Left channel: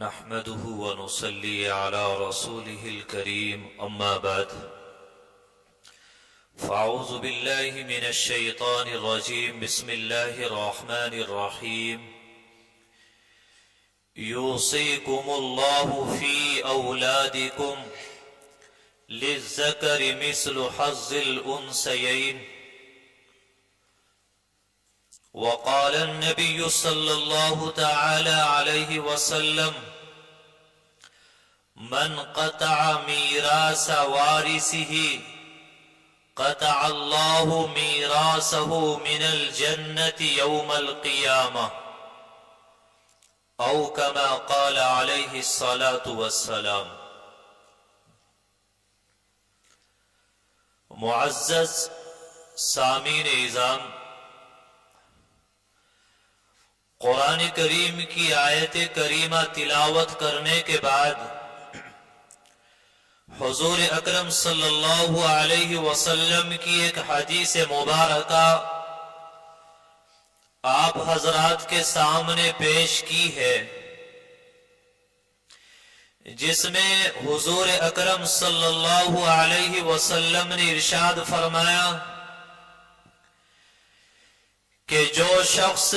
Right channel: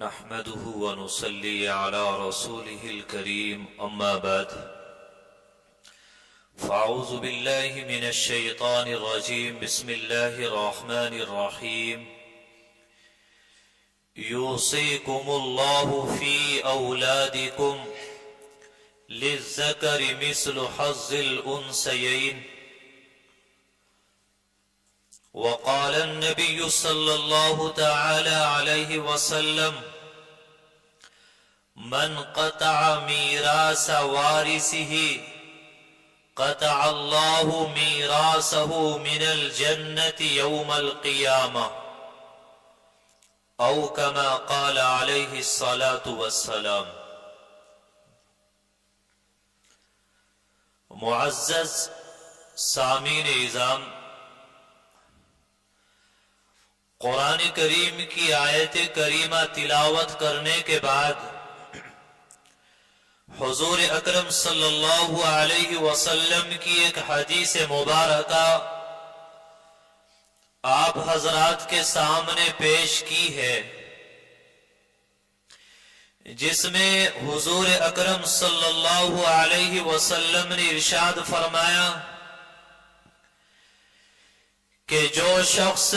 نحمده ونصلي على رسوله الكريم أما بعد فأعوذ بالله من الشيطان الرجيم بسم الله الرحمن الرحيم يوصيكم الله في أولادكم للذكر مثل حظ الأنثيين وقال النبي صلى الله تعالى عليه وسلم من قطع ميراث وارثه قطع الله ميراثه من الجنة يوم القيامة أو كما قال عليه الصلاة والسلام۔ معزز سامعین اعظام، قرآن کریم کی آیت کریمہ تلاوت کرنے کے بعد حضور اکرم صلی اللہ علیہ وسلم کی ایک حدیث مبارکہ آپ حضرات کے سامنے پیش کی ہے، جس میں حضور اکرم صلی اللہ علیہ وسلم نے ارشاد فرمایا کہ جو شخص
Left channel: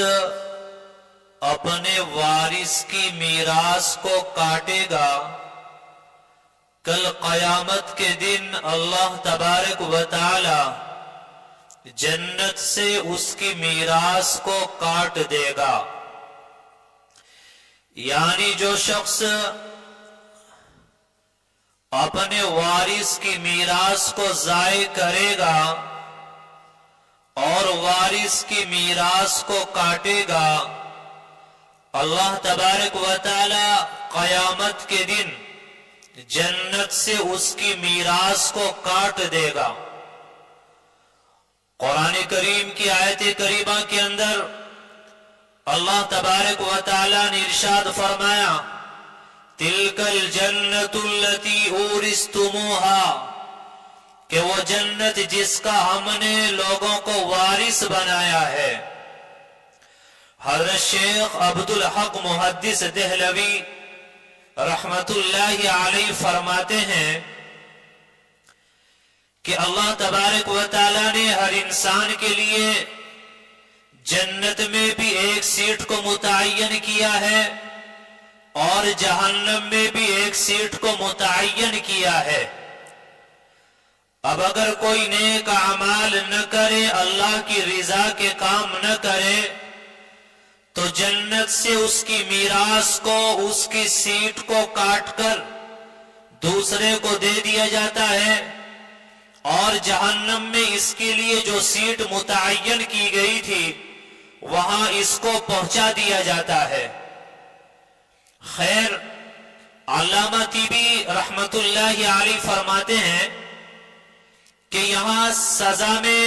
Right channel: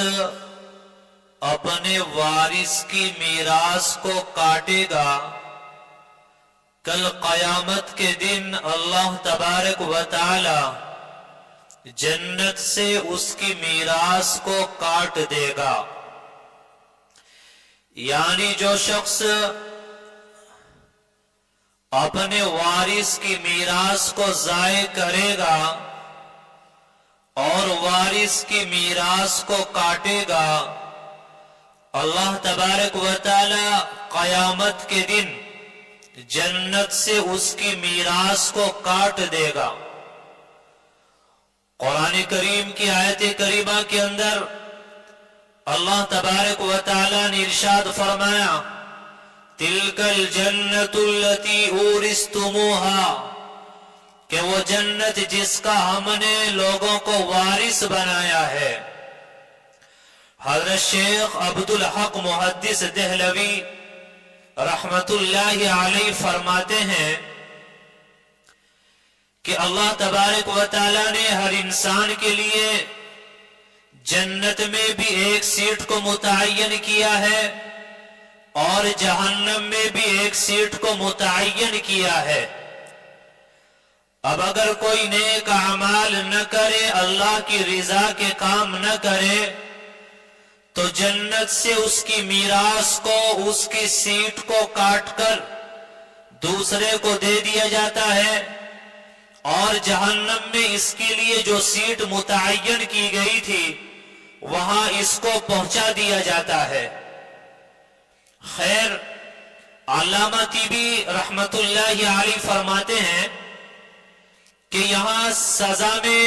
اپنے وارث کی میراث کو کاٹے گا، کل قیامت کے دن اللہ تبارک و تعالی جنت سے اس کی میراث کو کاٹ دے گا۔ یعنی جو شخص اپنے وارث کی میراث کو ضائع کرے گا اور وارث کی میراث کو کاٹے گا، اللہ تبارک و تعالی قیامت کے دن جنت سے اس کی میراث کو کاٹ دے گا۔ قرآن کریم کی آیت کریمہ کے اندر اللہ تبارک و تعالی نے ارشاد فرمایا تِلْكَ الْجَنَّةُ الَّتِي أُورِثْتُمُوهَا، کہ وہ جنت جس کا ہم نے لوگوں کو وارث بنایا ہے۔ حضرت شیخ عبدالحق محدث دہلوی رحمت اللہ علیہ فرماتے ہیں کہ اللہ تبارک و تعالی نے ہر انسان کے لیے جنت میں بھی ایک سیٹ کو متعین کیا ہے اور جہنم میں بھی ایک سیٹ کو متعین کیا ہے۔ اب اگر کوئی نیک اعمال نہ کرے، اللہ کی رضا کے کام نہ کرے، تو جنت سے اس کی میراث کو، اس کی سیٹ کو کاٹ کر دوسرے کو دے دیا جاتا ہے، اور جہنم میں اس کے لیے جو سیٹ متعین کی گئی تھی وہاں اس کو پہنچا دیا جاتا ہے۔ خیر، علامہ طیبی رحمت اللہ علیہ فرماتے ہیں کہ یہاں سزا میں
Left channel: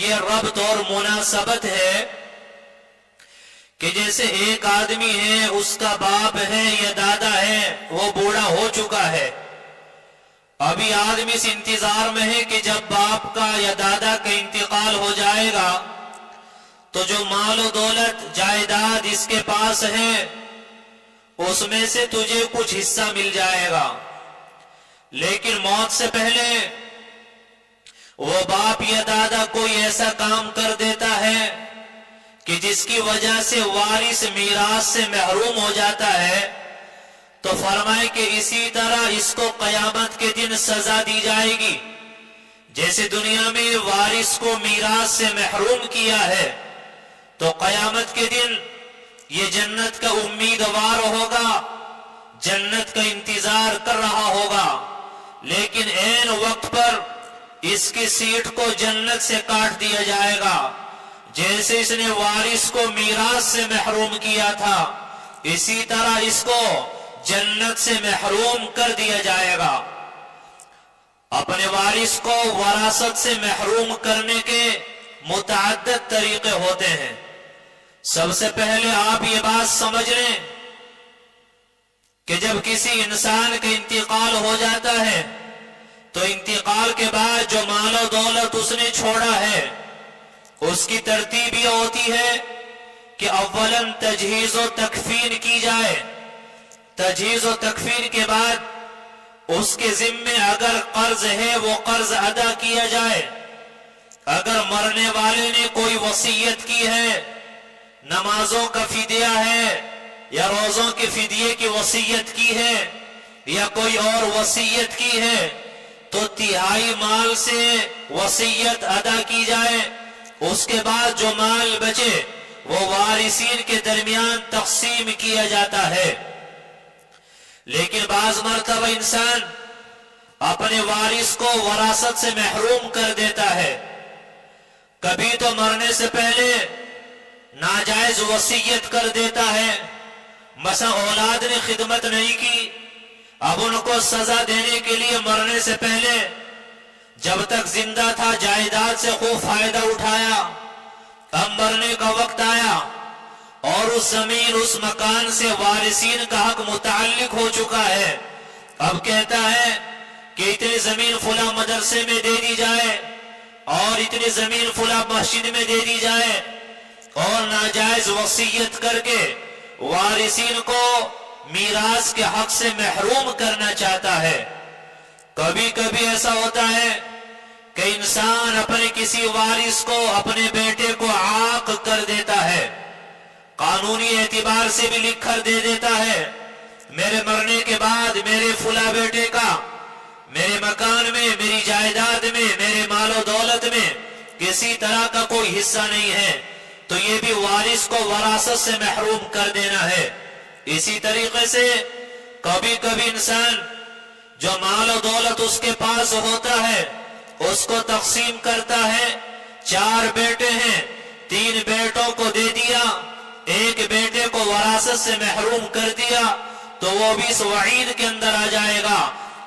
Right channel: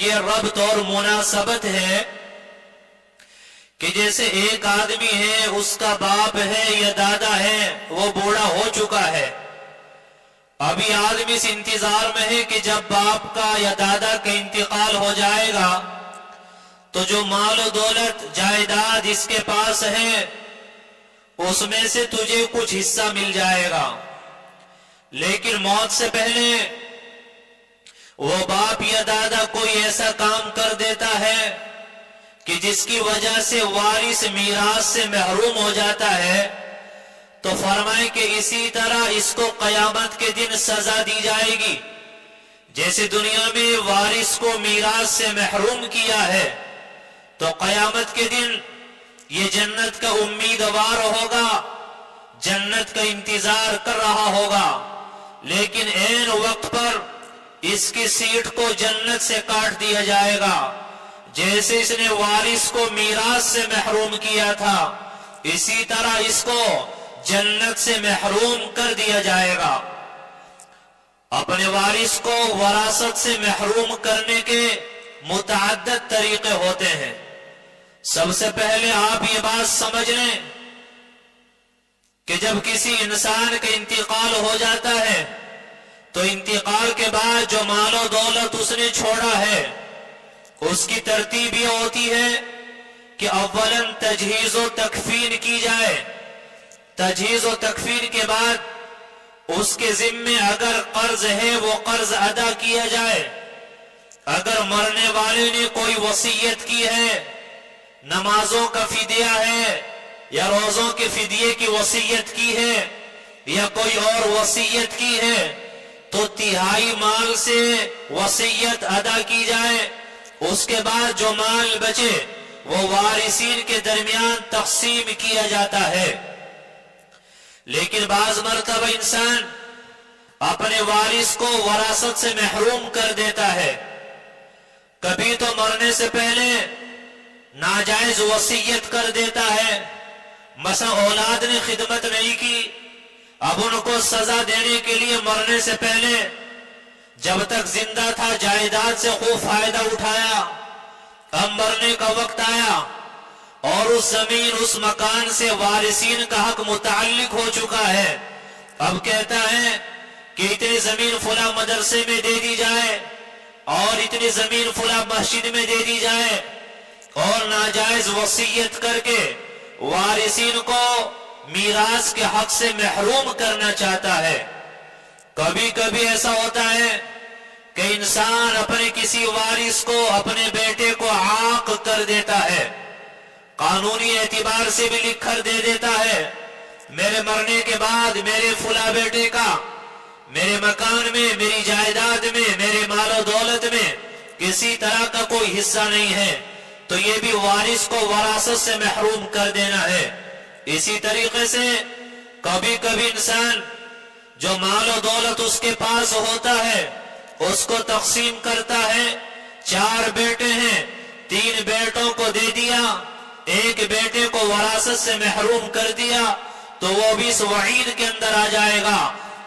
یہ ربط اور مناسبت ہے کہ جیسے ایک آدمی ہے، اس کا باپ ہے یا دادا ہے، وہ بوڑھا ہو چکا ہے، ابھی آدمی اس انتظار میں ہے کہ جب باپ کا یا دادا کا انتقال ہو جائے گا تو جو مال و دولت جائیداد اس کے پاس ہے اس میں سے تجھے کچھ حصہ مل جائے گا۔ لیکن موت سے پہلے وہ باپ یا دادا کوئی ایسا کام کر دیتا ہے کہ جس کی وجہ سے وارث میراث سے محروم ہو جاتا ہے، تو فرمائے کہ اسی طرح اس کو قیامت کے دن سزا دی جائے گی۔ جیسے دنیا میں وارث کو میراث سے محروم کیا ہے، تو قیامت کے دن یہ جنت کا امیدوار ہوگا، جنت کا انتظار کر رہا ہوگا، لیکن عین وقت پر اس کی سیٹ کو جنت سے کاٹ دیا جائے گا۔ جیسے اس نے وارث کو میراث سے محروم کیا تھا، اسی طرح اس کو جنت سے محروم کر دیا جائے گا۔ اپنے وارث کو وراثت سے محروم کرنے کے متعدد طریقے ہوتے ہیں۔ سب سے پہلے آپ یہ بات سمجھ لیں کہ جب کسی انسان کا انتقال ہو جاتا ہے تو انتقال کے بعد جو مال و دولت اس نے چھوڑا ہے اس کی ترتیب یہ ہوتی ہے کہ اولاً تجہیز و تکفین کی جائے، تجہیز و تکفین کے بعد اس کے ذمے اگر قرض ہے وہ قرض ادا کیا جائے. اگر مرنے والے نے کوئی وصیت کی ہے، نمازوں کا فدیہ ہے یا روزوں کے فدیے کی وصیت کی ہے یا کوئی اور وصیت کی ہے، تو تہائی مال سے وصیت ادا کی جائے. اس کے بعد جو مال بچے وہ وارثین کے درمیان تقسیم کیا جاتا ہے. لیکن بعض مرتبہ انسان اپنے وارث کو وراثت سے محروم کر دیتا ہے. کبھی تو مرنے سے پہلے ناجائز وصیت کر دیتا ہے، مثلا اولاد نے خدمت نہیں کی، اب ان کو سزا دینے کے لیے مرنے سے پہلے جب تک زندہ تھا جائیداد سے خوب فائدہ اٹھایا، اب مرنے کا وقت آیا اور اس زمین اس مکان سے وارثین کا حق متعلق ہو چکا ہے. اب کہتا ہے کہ اتنی زمین فلاں مدرسے میں دے دی جائے اور اتنی زمین فلاں مسجد میں دے دی جائے، اور ناجائز وصیت کر کے وارثین کو میراث کے حق سے محروم کرنا چاہتا ہے. کبھی کبھی ایسا ہوتا ہے کہ انسان اپنے کسی وارث کو، اپنے بیٹے کو عاق کر دیتا ہے، قانونی اعتبار سے بھی لکھ کر دے دیتا ہے میرے مرنے کے بعد میرے فلاں بیٹے کا میرے مکان میں، میری جائیداد میں، میرے مال و دولت میں کسی طرح کا کوئی حصہ نہیں ہے. تو یہ بھی وارث کو وراثت سے محروم کر دینا ہے. اسی طریقے سے کبھی کبھی انسان جو مال و دولت اس کے پاس ہوتا ہے اس کو تقسیم کرتا ہے. 4 بیٹے ہیں، 3 بیٹوں کو دے دیا، ایک بیٹے کو وراثت سے محروم کر دیا، تو وہ بھی اس وعید کے اندر آ جائے گا.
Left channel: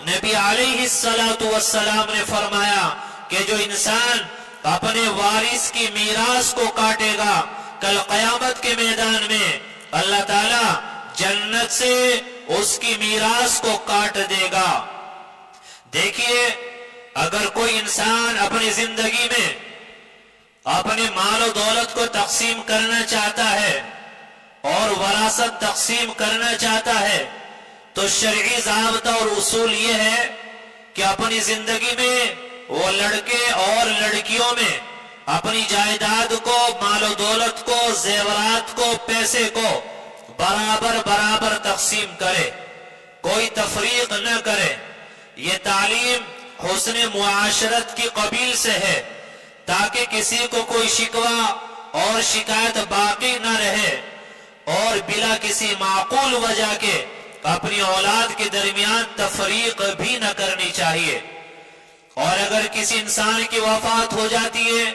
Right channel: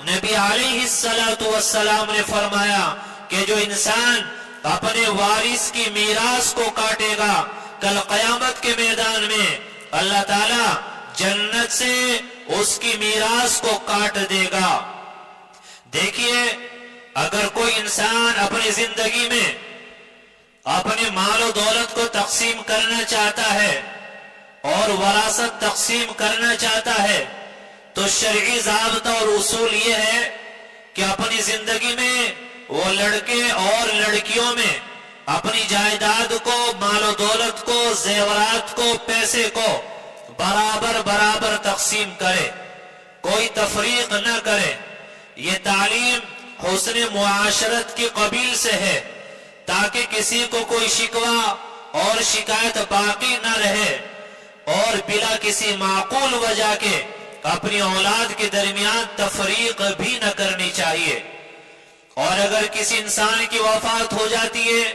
نبی علیہ السلام نے فرمایا کہ جو انسان اپنے وارث کی میراث کو کاٹے گا، کل قیامت کے میدان میں اللہ تعالی جنت سے اس کی میراث کو کاٹ دے گا. دیکھیے، اگر کوئی انسان اپنی زندگی میں اپنے مال و دولت کو تقسیم کرنا چاہتا ہے اور وراثت تقسیم کرنا چاہتا ہے، تو شرعی ضابطہ اور اصول یہ ہے کہ اپنی زندگی میں وہ لڑکے اور لڑکیوں میں اپنی جائیداد کو، مال و دولت کو، زیورات کو، پیسے کو برابر برابر تقسیم کرے، کوئی تفریق نہ کرے. یہ تعلیم حسن معاشرت کی قبیل سے ہے تاکہ کسی کو کوئی شکوہ اور شکایت باقی نہ رہے اور بلا کسی معقول وجہ کے اپنی اولاد کے درمیان تفریق بھی نہ کرنی چاہیے. اور اگر کسی انسان کی وفات ہو جاتی ہے،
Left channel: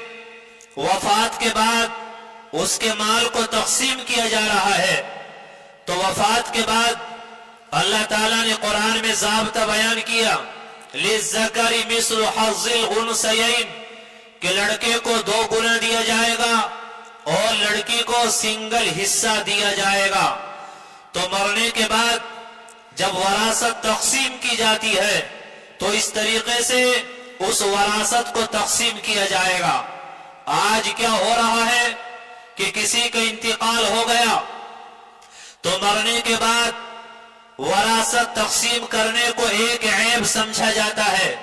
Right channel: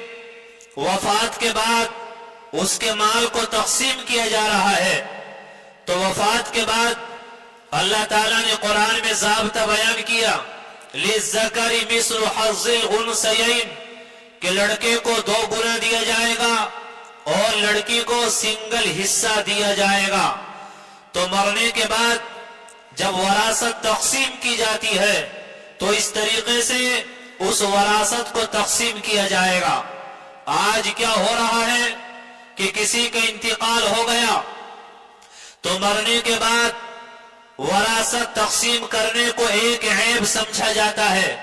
وفات کے بعد اس کے مال کو تقسیم کیا جا رہا ہے، تو وفات کے بعد اللہ تعالیٰ نے قرآن میں ضابطہ بیان کیا لِلذَّكَرِ مِثْلُ حَظِّ الْأُنثَيَيْنِ کہ لڑکے کو 2 گنا دیا جائے گا اور لڑکی کو سنگل حصہ دیا جائے گا. تو مرنے کے بعد جب وراثت تقسیم کی جاتی ہے تو اس طریقے سے اس وراثت کو تقسیم کیا جائے گا. آج کیا ہو رہا ہے کہ کسی کا انتقال ہو گیا تو مرنے کے بعد وراثت تقسیم کرنے کو ایک عیب سمجھا جاتا ہے.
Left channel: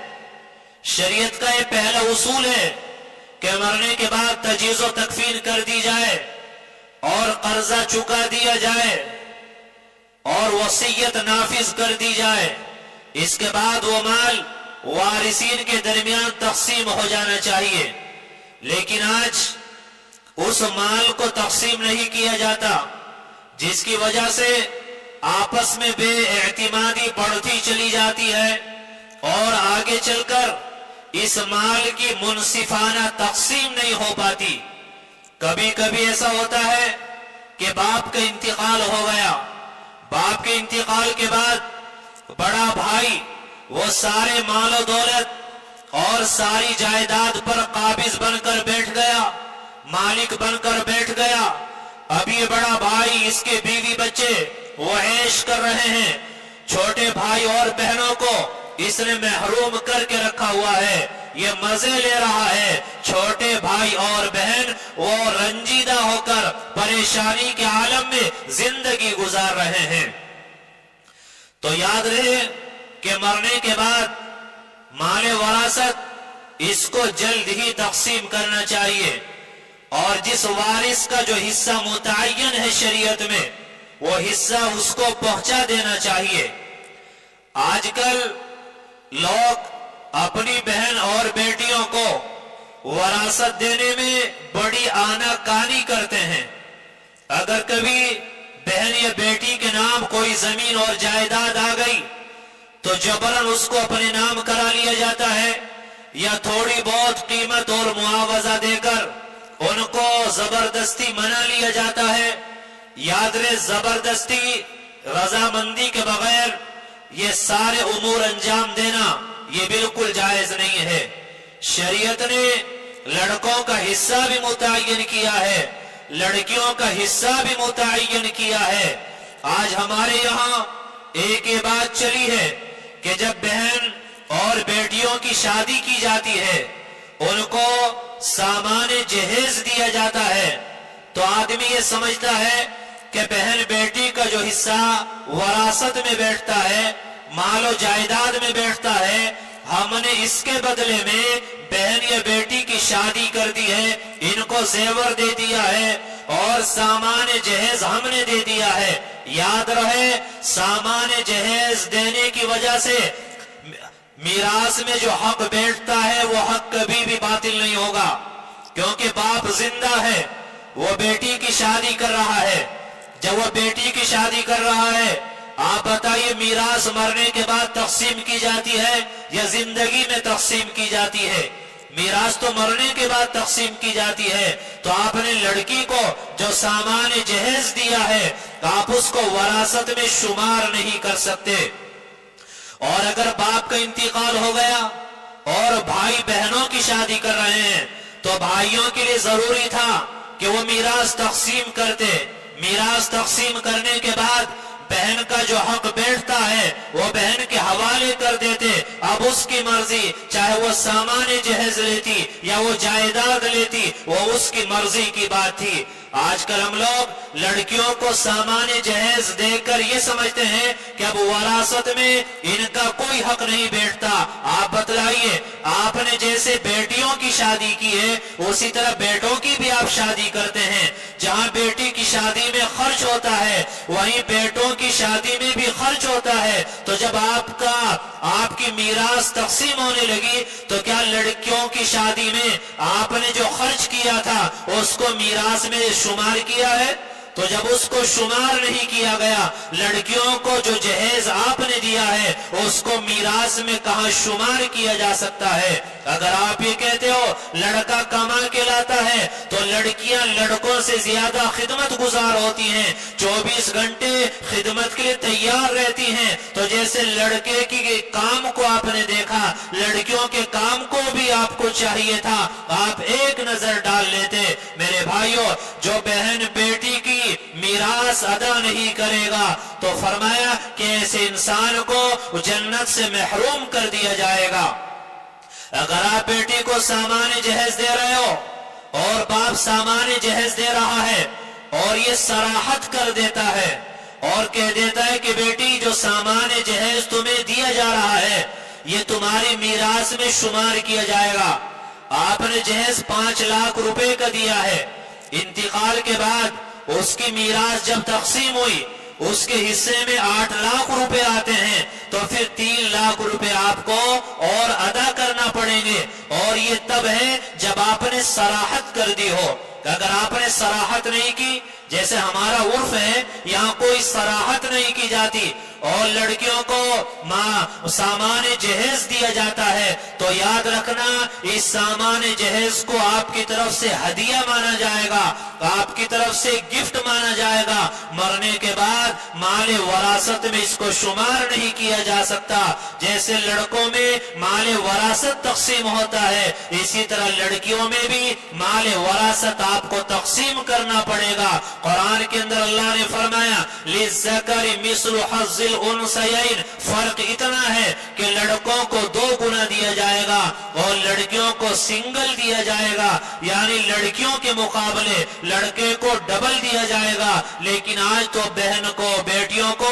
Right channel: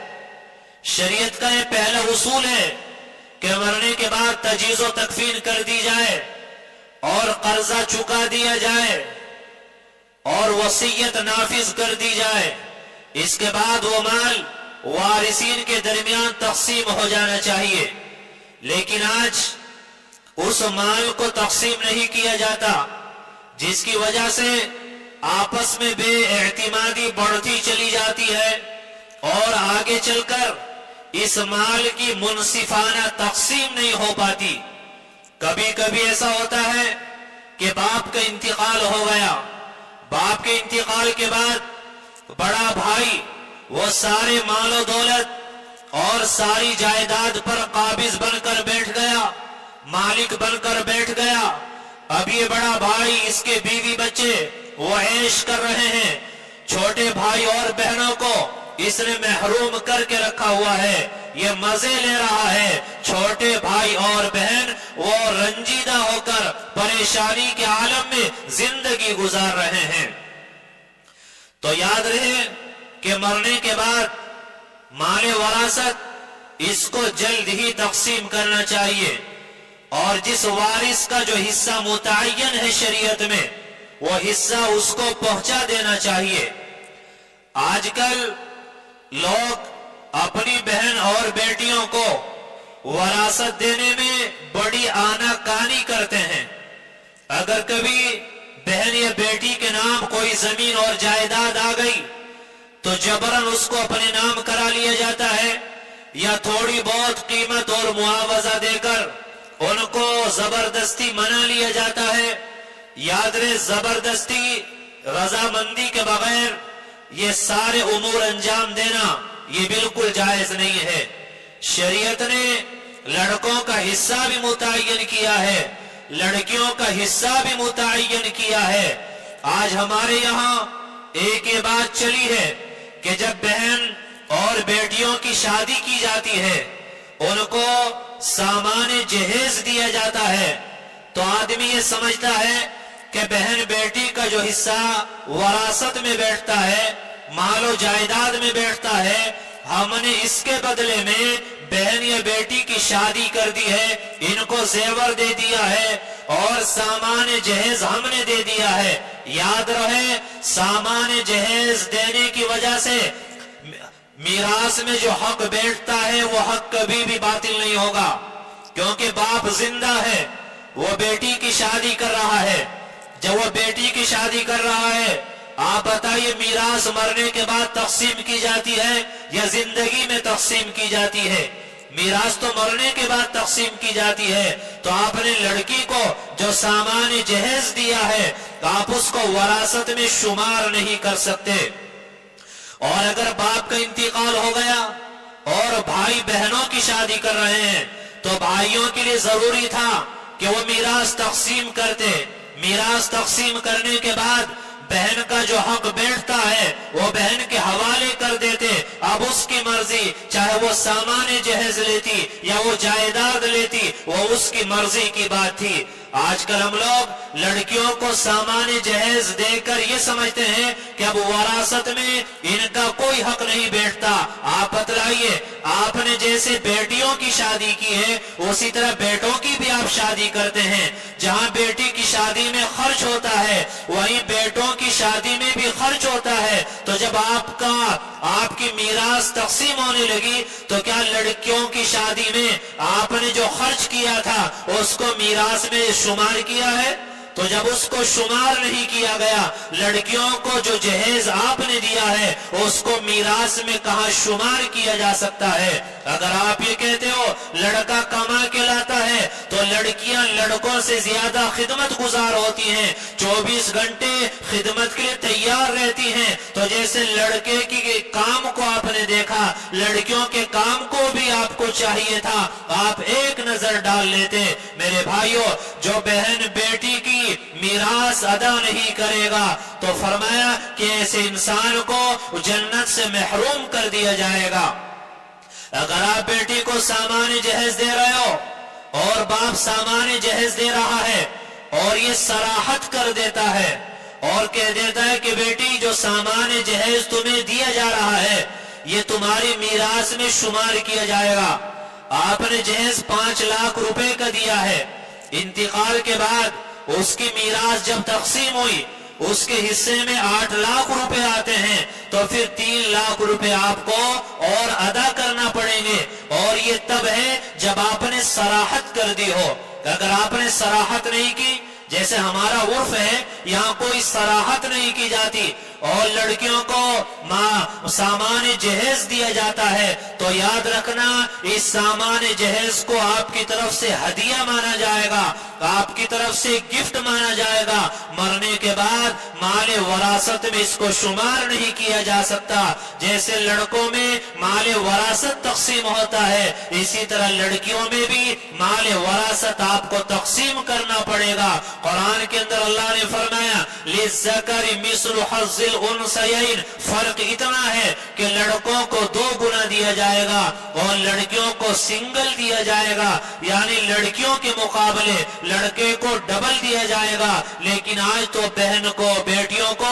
شریعت کا یہ پہلا اصول ہے کہ مرنے کے بعد تجہیز و تکفین کر دی جائے اور قرضہ چکا دیا جائے اور وصیت نافذ کر دی جائے. اس کے بعد وہ مال وارثین کے درمیان تقسیم ہو جانا چاہیے. لیکن آج اس مال کو تقسیم نہیں کیا جاتا، جس کی وجہ سے آپس میں بے اعتمادی بڑھتی چلی جاتی ہے اور آگے چل کر اس مال کی منصفانہ تقسیم نہیں ہو پاتی. کبھی کبھی ایسا ہوتا ہے کہ باپ کا انتقال ہو گیا، باپ کے انتقال کے بعد بڑا بھائی وہ سارے مال و دولت اور ساری جائیداد پر قابض بن کر بیٹھ گیا، مالک بن کر بیٹھ گیا. اب یہ بڑا بھائی، اس کے بیوی بچے وہ عیش کر رہے ہیں، چھوٹے بھائی اور بہنوں کو اس نے محروم کر کے رکھا ہوا ہے، یہ مزے لے رہا ہے. چھوٹے بھائی اور بہن وہ رنجیدہ ہو کر پریشانی کے عالم میں زندگی گزار رہے ہیں. تو یاد رہے کہ مرنے کے بعد مال وراثت اس کو جلد ہی تقسیم کرنا چاہیے، اور جس وارث کا جو حصہ متعین ہے شریعت میں وہ حصہ اس کو پہنچا دینا چاہیے۔ آج کل لوگ اپنی بہن اور بیٹیوں کو وراثت دینے میں بڑی آنا کانی کرتے ہیں۔ اگر کبھی بہن یا بیٹی کے نام کوئی زمین اور جائیداد آ گئی تو جبراً اس کو اپنے نام کرا لیا جاتا ہے، یا تھوڑی بہت قیمت اور معاوضہ دے کر ان کو زبردستی منا لیا جاتا ہے۔ یاد رہے، زبردستی رضامندی کے بغیر یہ سارے امور انجام دینا یہ بالکل جائز نہیں ہے۔ شریعت نے لڑکوں کا حصہ بھی متعین کیا ہے، لڑکیوں کا حصہ بھی متعین کیا ہے۔ آج ہمارے یہاں ایک یہ بات چلی ہے کہ جب بہن اور بیٹیوں کی شادی کی جاتی ہے ان کو سامان جہیز دیا جاتا ہے، تو آدمی یہ سمجھتا ہے کہ بہن بیٹی کا جو حصہ وراثت میں بیٹھتا ہے، مال و جائیداد میں بیٹھتا ہے، ہم نے اس کے بدلے میں بہن یا بیٹی کی شادی کر دی ہے، ان کو زیور دے دیا ہے اور سامان جہیز ہم نے دے دیا ہے۔ یاد رہے، سامان جہیز دینے کی وجہ سے میراث میں جو حق بیٹھتا ہے وہ حق کبھی بھی باطل نہیں ہوگا، کیونکہ باپ زندہ ہے، وہ بیٹی کی شادی کر رہا ہے۔ جب وہ بیٹی کی شادی کر رہا ہے، آپ بتائیے میراث مرنے کے بعد تقسیم کی جاتی ہے یا زندگی میں تقسیم کی جاتی ہے؟ میراث تو مرنے کے بعد تقسیم کی جاتی ہے۔ تو آپ نے لڑکی کو جو سامان جہیز دیا ہے آپ اس کو وراثت میں شمار نہیں کر سکتے۔ اور اگر باپ کا انتقال ہو گیا اور بھائی بہنوں کی شادی کر رہے ہیں تو بھائیوں کے لیے ضروری تھا کہ وہ میراث تقسیم کرتے۔ میراث تقسیم کرنے کے بعد بہن کا جو حق بیٹھتا ہے وہ بہن کے حوالے کر دیتے۔ اب اس کی مرضی، چاہے وہ سامان جہیز لیتی یا وہ جائیداد لیتی، وہ اس کی مرضی کی بات تھی۔ آج کل ہم لوگ لڑکیوں کو سامان جہیز دے کر یہ سمجھتے ہیں کہ اب وراثت میں ان کا کوئی حق نہیں بیٹھتا۔ آپ بتلائیے، آپ نے جیسے بیٹیوں کی شادی کی ہے اسی طرح بیٹوں کی بھی آپ شادی کرتے ہیں۔ جہاں بیٹی کی شادی میں خرچ ہوتا ہے وہیں بیٹوں کی شادی میں بھی خرچ ہوتا ہے۔ تو جب آپ کی میراث تقسیم ہونے لگی تو کیا لڑکیوں کی شادی میں آپ نے جو خرچ کیا تھا اس کو میراث میں شمار کیا ہے؟ تو جب اس کو شمار نہیں کیا گیا، لڑکیوں کو جو جہیز آپ نے دیا ہے اس کو میراث میں کہاں شمار کیا جا سکتا ہے؟ اگر آپ یہ کہتے ہو لڑکا کما کے لاتا ہے تو لڑکیاں لڑکوں سے زیادہ خدمت گزار ہوتی ہیں، 24 گھنٹے خدمت کے لیے تیار رہتی ہیں۔ تو جیسے لڑکے کی کام کو آپ نے دیکھا، لڑکیوں کے کام کو بھی آپ کو چاہیے تھا آپ ایک نظر ڈال لیتے۔ میرے بھائیوں، جو بہن بیٹی کی میراث ادا نہیں کرے گا تو فرمایا کہ ایسے انسان کو جنت سے محروم کر دیا جائے گا۔ اگر آپ بیٹی کو سامان جہیز دے رہے ہو اور باپ سامان جہیز دے رہا ہے اور یہ صراحت کر دیتا ہے اور کہہ دیتا ہے کہ بیٹی جو سامان جہیز تمہیں دیا جا رہا ہے یہ تمہاری میراث میں شمار کیا جائے گا، آپ نے جہیز 5 لاکھ روپے کا دیا ہے، انتقال کے بعد اس کی میراث جب تقسیم ہوئی اس کے حصے میں 8 لاکھ روپے آتے ہیں تو پھر 3 لاکھ روپے آپ کو اور ادا کرنا پڑیں گے، اور یہ تب ہے جب آپ نے صراحت کر دی ہو۔ اگر آپ نے صراحت نہیں کی، جیسے ہمارا عرف ہے یہاں کوئی صراحت نہیں کی جاتی اور لڑکیوں کو سامان جہیز دیا جاتا ہے، تو یاد رکھنا اس سامان جہیز کو آپ کی طرف سے ہدیہ مانا جائے گا، آپ کی طرف سے گفٹ مانا جائے گا۔ مرنے کے بعد مال وراثت میں اس کو شمار نہیں کیا جا سکتا۔ جیسے لڑکوں میں مال وراثت تقسیم ہوتا ہے اسی طرح لڑکیوں میں بھی مال وراثت آپ کو تقسیم کرنا پڑے گا۔ قرآن کے اندر اللہ نے فرمایا لِلذَّكَرِ مِثْلُ حَظِّ الْأُنثَيَيْنِ، فرق اتنا ہے کہ لڑکوں کو 2 گنا دیا جائے گا اور لڑکیوں کو سنگل دیا جائے گا، یعنی لڑکیوں کے مقابلے لڑکے کو ڈبل دیا جائے گا۔ لیکن آج تو بہن کو بیٹیوں کو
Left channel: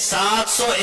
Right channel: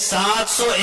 700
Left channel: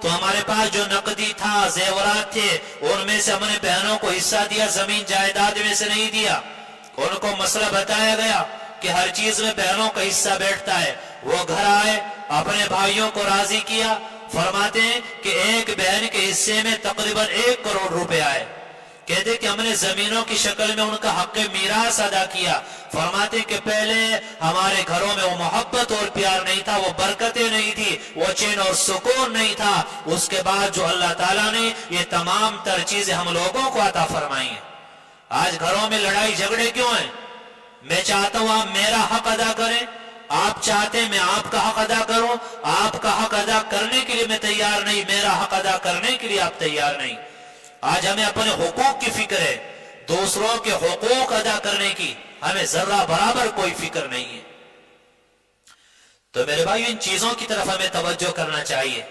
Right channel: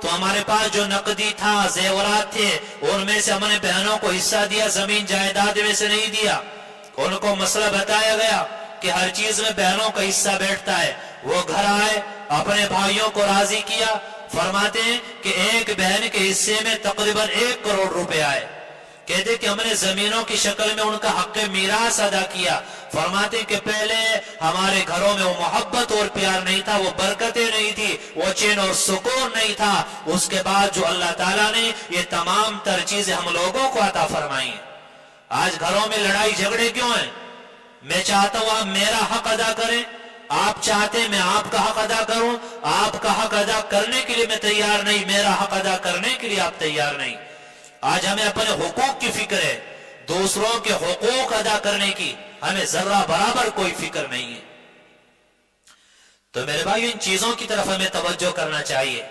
تو ہمارے پاس جو نقدی تھا، زیورات تھے، ان میں سے ہم نے بہنوں کو حصہ دیا، زمین جائیداد میں سے نہیں دیا۔ ان کو مسئلہ بتایا گیا کہ ہر چیز میں بہنوں کا حصہ بیٹھتا ہے۔ وہ گھر آئے، اپنے بھائیوں کو راضی کیا، فرماتے ہیں کہ ایک بہن کے حصے میں تقریباً 1 کروڑ روپے آئے۔ کہتے کہ ہم نے زمینوں کی شکل میں ان کا حق میراث ادا کیا۔ فرماتے ہیں کہ پہلے ہمارے گھروں میں وہ محبت اور پیار نہیں تھا، وہ برکتیں نہیں تھی، وہ چین اور سکون نہیں تھا۔ اس کے بعد جو اللہ تعالیٰ نے یہ تمام تر چیزیں ہم لوگوں کو عطا فرمائی ہیں۔ آج گھروں میں لڑائی جھگڑے کیوں ہیں؟ میں چاہتا ہوں آپ میرا حق ادا کریں، آپ چاہتے ہیں میں آپ کا حق ادا کروں، آپ کا حق ادا کرنے کے لیے میں تیار نہیں، میرا حق ادا کرنے کے لیے آپ تیار نہیں۔ آج ہمیں اپنے حقوق کی فکر ہے، دوسروں کے حقوق ادا کرنے کی ہمیں ذرہ برابر کوئی فکر نہیں ہے۔ تو میرے بھائی ان چیزوں کی طرف ہمیں توجہ کرنا چاہیے۔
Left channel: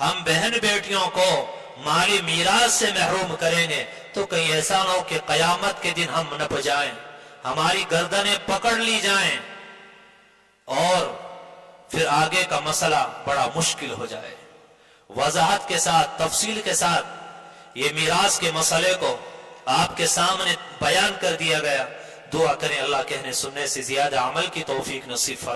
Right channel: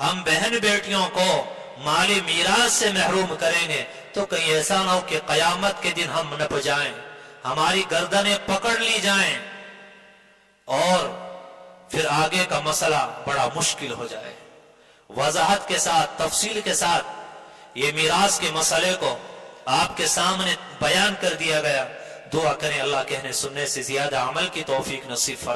ہم بہن بیٹیوں کو مالی میراث سے محروم کریں گے تو کہیں ایسا نہ ہو کہ قیامت کے دن ہم نپ جائیں، ہماری گردنیں پکڑ لی جائیں اور پھر آگے کا مسئلہ بڑا مشکل ہو جائے۔ وضاحت کے ساتھ، تفصیل کے ساتھ یہ میراث کے مسئلے کو آپ کے سامنے بیان کر دیا گیا۔ دعا کریں اللہ کہنے سننے سے زیادہ عمل کی توفیق نصیب فرمائے۔